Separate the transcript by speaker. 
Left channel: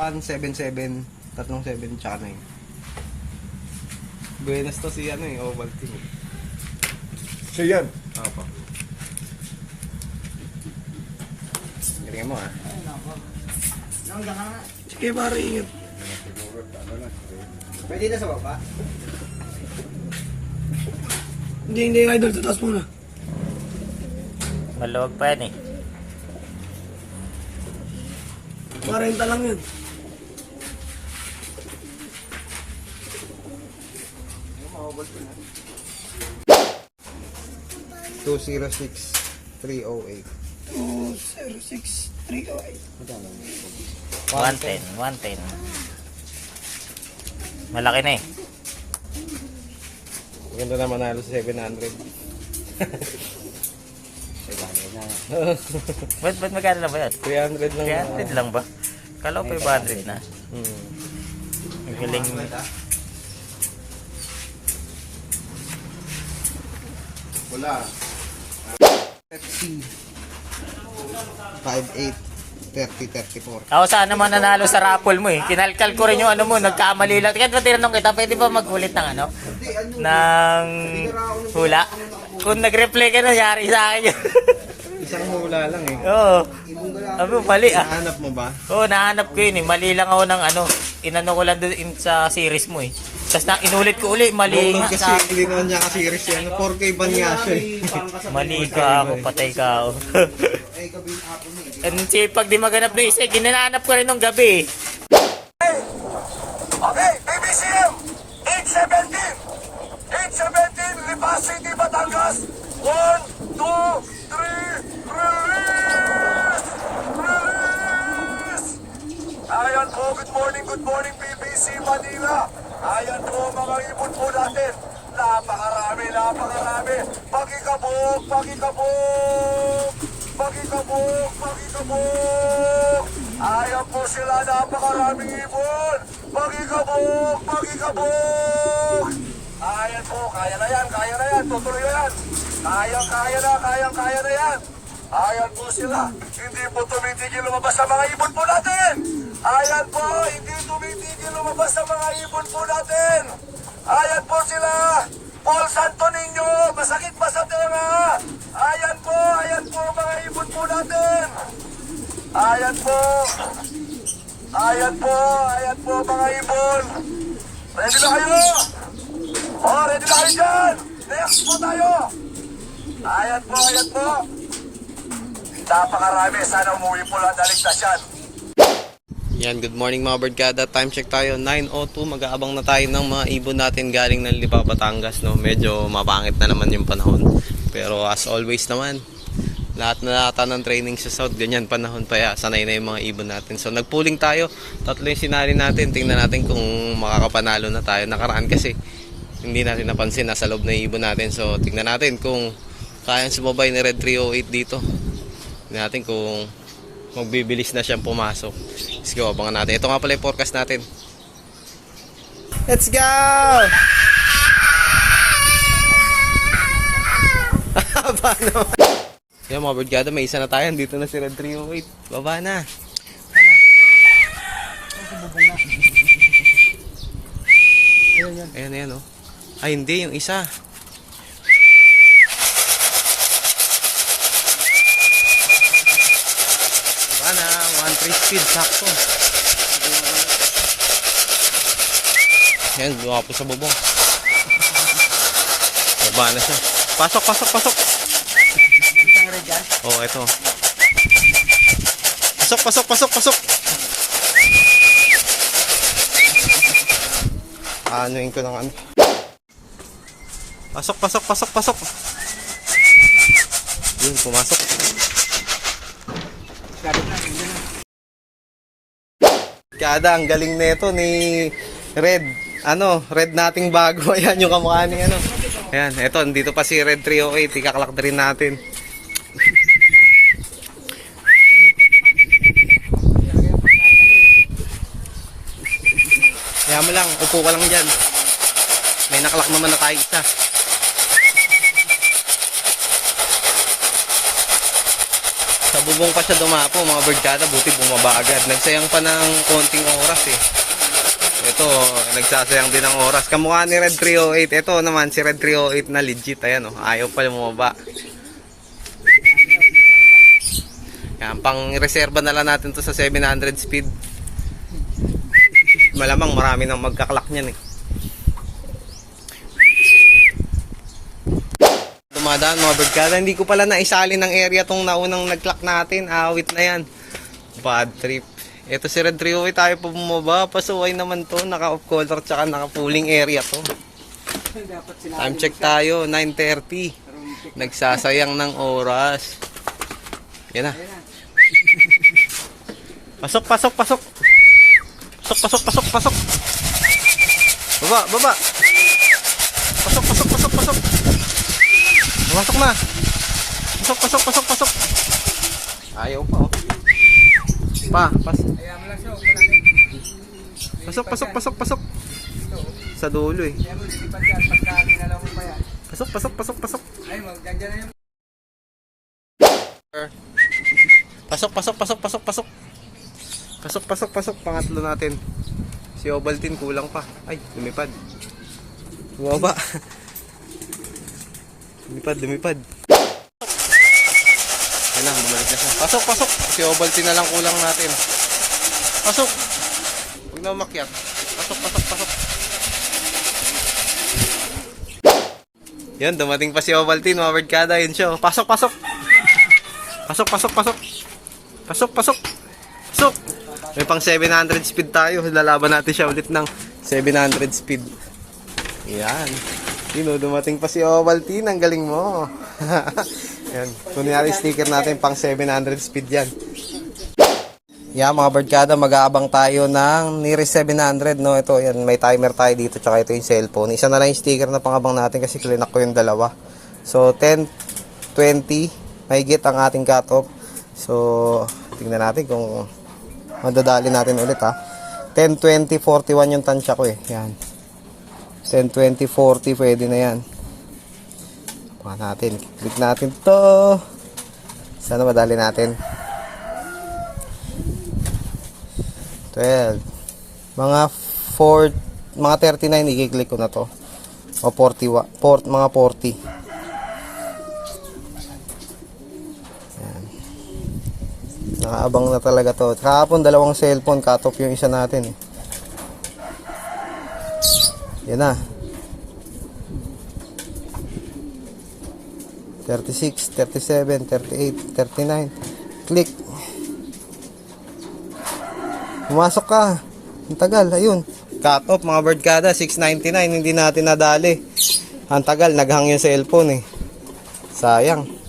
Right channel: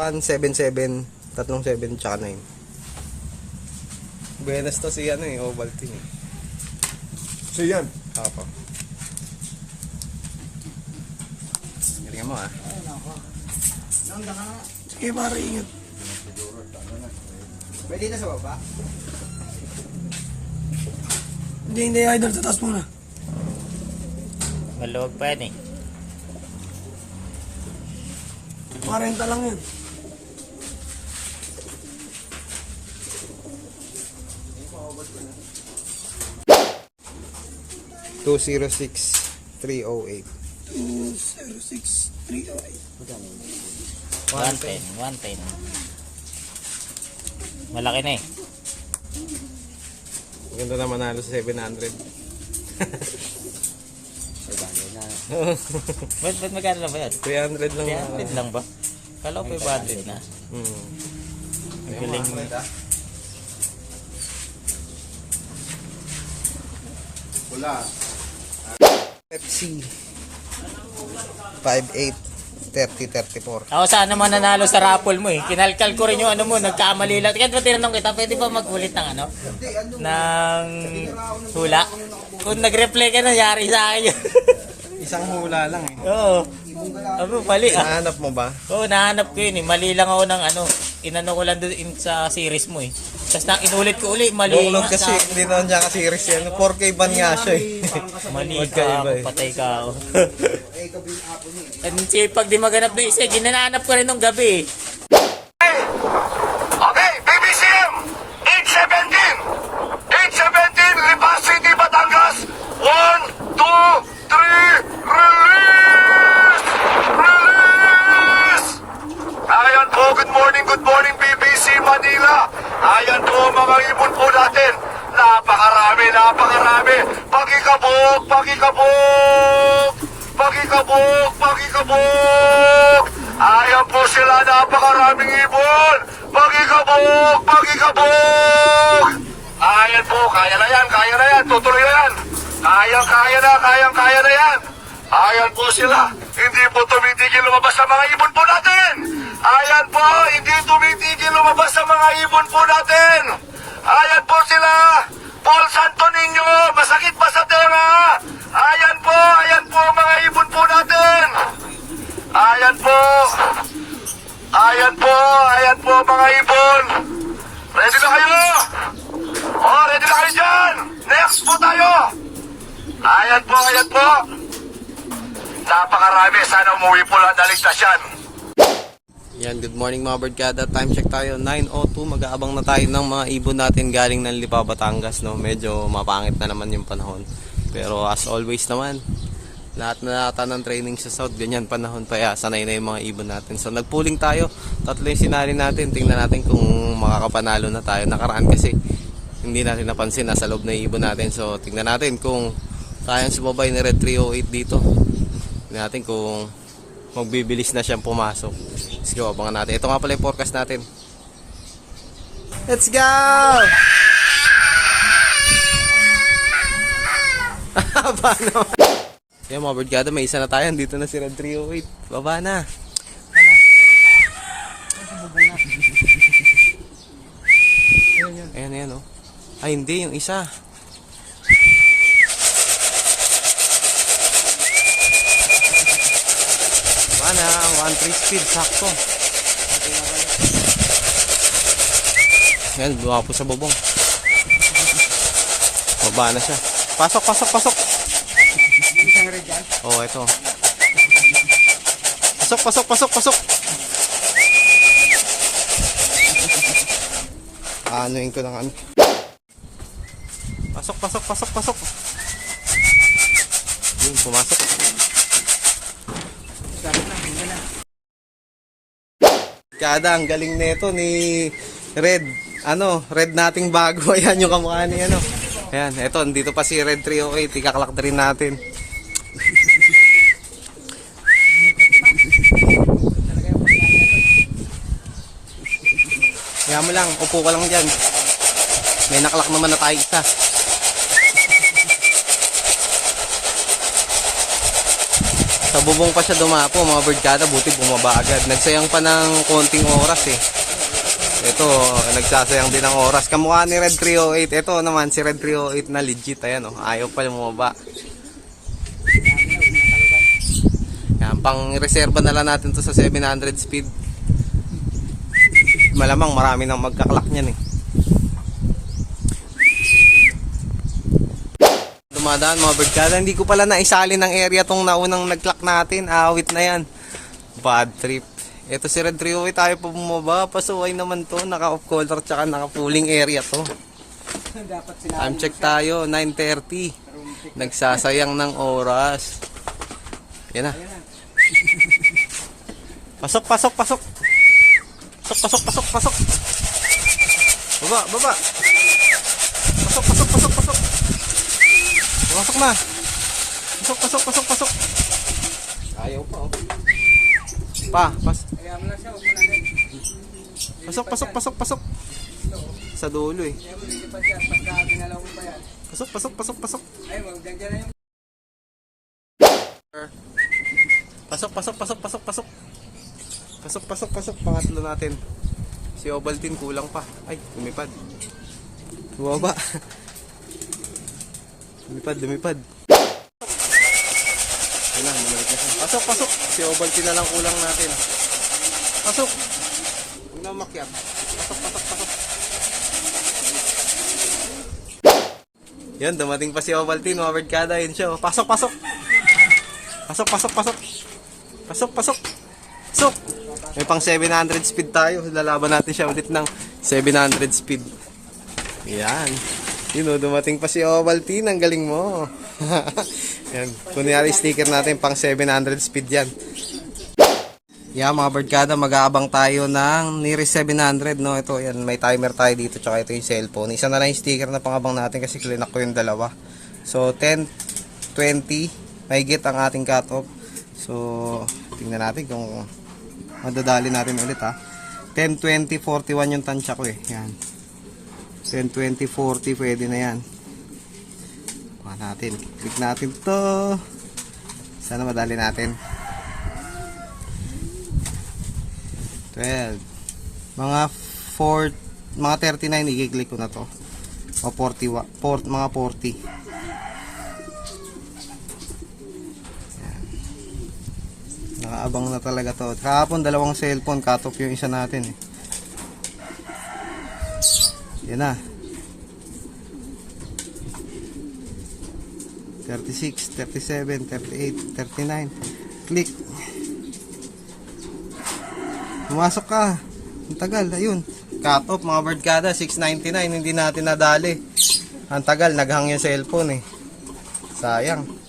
Speaker 1: 177, tatlong 7, tsaka 9. Buenas to si ano eh, Ovaltine.
Speaker 2: So yan.
Speaker 1: Ako. Galingan mo ah.
Speaker 2: Sige pare, ingat.
Speaker 1: Pwede na sa baba?
Speaker 2: Hindi, hindi idol. Tatas muna.
Speaker 3: Maluwag pa yan eh.
Speaker 2: 40 lang yan.
Speaker 1: Two zero six three oh eight.
Speaker 2: 206-308.
Speaker 3: 110, 110. Malaki na eh.
Speaker 1: Maganda na manalo sa 700.
Speaker 3: Ba't, ba't magkano na ba yan?
Speaker 1: 300 lang.
Speaker 3: 300 lang ba? Kala ko 500 na.
Speaker 1: Hmm.
Speaker 3: Ang galing.
Speaker 1: Wala. Pepsi. 5'8". 30-34.
Speaker 3: Ako sana man nanalo sa raffle mo eh. Kinalkal ko rin yung ano mo, nagkamali lang. Kaya ba tinanong kita, pwede ba magulit ng ano? Ng hula? Kung nag-reply ka na, yari sa akin yun.
Speaker 1: Isang hula lang eh.
Speaker 3: Oo. Ano, mali ah.
Speaker 1: Nahanap mo ba?
Speaker 3: Oo, nahanap ko yun eh. Mali lang ako ng ano. Inano ko lang doon sa series mo eh. Tapos na inulit ko uli, mali nga.
Speaker 1: kasi
Speaker 3: Sa,
Speaker 1: hindi naman niya ka-series yan. 4K ban nga siya eh.
Speaker 3: mali ka ako, patay ka ako. Ang sipag di maganap na isa, ginananap ko rin nung gabi eh.
Speaker 4: Pakikabok, pakikabok! Pakikabok, pakikabok! Ayan po sila, napakaraming ibon! Pakikabok, pakikabok! Ayan po, kaya na yan, kaya na yan, tutuloy na yan. Kayang kaya na, kayang kaya na yan. Ayan po sila, hindi po tumitigil lumabas sa mga ibon po natin. Ayan po, hindi tumitigil lumabas sa mga ibon po natin. Ayan po sila, Paul Santo Niño, Ayan po, ayan po. Napakarami. Sana umuwi po lang naligtas yan.
Speaker 1: Yan, good morning mga birdkada. Time check tayo, 9.02. Mag-aabang na tayo ng mga ibon natin galing ng Lipa, Batangas. No? Medyo mapangit na naman yung panahon. Pero as always naman, lahat na nata ng training sa South, ganyan panahon pa ya, sanay na yung mga ibon natin. So nagpooling tayo, tatlo yung sinali natin, tingnan natin kung makakapanalo na tayo. Nakaraan kasi, hindi natin napansin, nasa loob na ibon natin. So tingnan natin kung kayang sumabay ni Red 308 dito. Natin kung magbibilis na siyang pumasok. Let's go, abangan natin. Ito nga pala yung forecast natin. Let's go! Haba naman. Yan mga birdgada, may isa na tayo. Dito na si Red 308. Baba na. Ayan, ayan, oh. Ay, hindi. Yung isa. Baba na. 1-3 speed. Sakto. Yan, buha po sa bubong. Baba na siya. Pasok, pasok, pasok. Oo, oh, ito. Pasok, pasok, pasok, pasok. Anuin ko ng ano. Pasok, pasok, pasok, pasok. Yun, pumasok. Kada, ang galing nito ni Red. Ano, Red nating bago. Ayan yung kamukha ni ano. Ayan, eto, dito pa si Red 308. Ikaklak rin natin. Kaya mo lang, upo ka lang dyan. May nakalak naman na tayo isa. Sa bubong pa siya dumapo, mga birdkada, buti bumaba agad. Nagsayang pa ng konting oras eh. Ito, nagsasayang din ng oras. Kamukha ni Red 308. Ito naman, si Red 308 na legit. Ayan oh, ayaw pa bumaba. Yan, pang reserva na lang natin to sa 700 speed. Malamang marami nang magkaklak niyan eh. Dumadaan mga birdkada. Hindi ko pala naisali ng area tong naunang nag-clock natin. Awit na yan. Bad trip. Ito si Red 308 tayo pa bumaba. Pasuway naman to. Naka-off color tsaka naka-pooling area to. Time check tayo. 9.30. Nagsasayang ng oras. Yan na. Pasok, pasok, pasok. Pasok, pasok, pasok, pasok. Baba, baba. Pasok, pasok, pasok, pasok. Pasok na. Pasok, pasok, pasok, pasok. Ayaw pa, oh. Pa, pas. Pasok, pasok, pasok, pasok. Sa dulo, eh. Pasok, pasok, pasok, pasok. Pasok, pasok, pasok, pasok, pasok. Pasok, pasok, pasok. Pangatlo natin. Si Ovaltine kulang pa. Ay, lumipad. Bumaba. lumipad, lumipad. Ayun na, bumalik na siya. Pasok, pasok. Si Ovaltine na lang kulang natin. Pasok. Huwag na umakyat. Pasok, pasok, pasok. Yan, dumating pa si Ovaltine. Mga kada, yun siya. Pasok, pasok. Pasok, pasok, pasok. Pasok, pasok. Pasok. May pang 700 speed tayo. Lalaban natin siya ulit ng 700 speed. Yan. Sino, dumating pa si Ovaltine. Ang galing mo. yan. Kunyari sticker natin pang 700 speed yan. Yeah, mga birdkada, mag-aabang tayo ng nearest 700, no? Ito, yan, may timer tayo dito, tsaka ito yung cellphone. Isa na lang yung sticker na pangabang natin kasi klinak ko yung dalawa. So, 10, 20, mahigit ang ating cutoff. So, tingnan natin kung madadali natin ulit, ha. 10, 20, 41 yung tansya ko, eh. Yan. 10, 20, 40, pwede na yan. Kuha natin. Click natin to. Sana madali natin. 12. Mga 4, mga 39 i-click ko na to. O 40, wa- 4, mga 40. Yan. Nakaabang na talaga to. Kahapon dalawang cellphone cut off yung isa natin eh. Yan na. 36, 37, 38, 39. Click. Pumasok ka. Ang tagal, ayun. Cut off mga bird kada, 699, hindi natin nadali. Ang tagal, naghang yung cellphone eh. Sayang.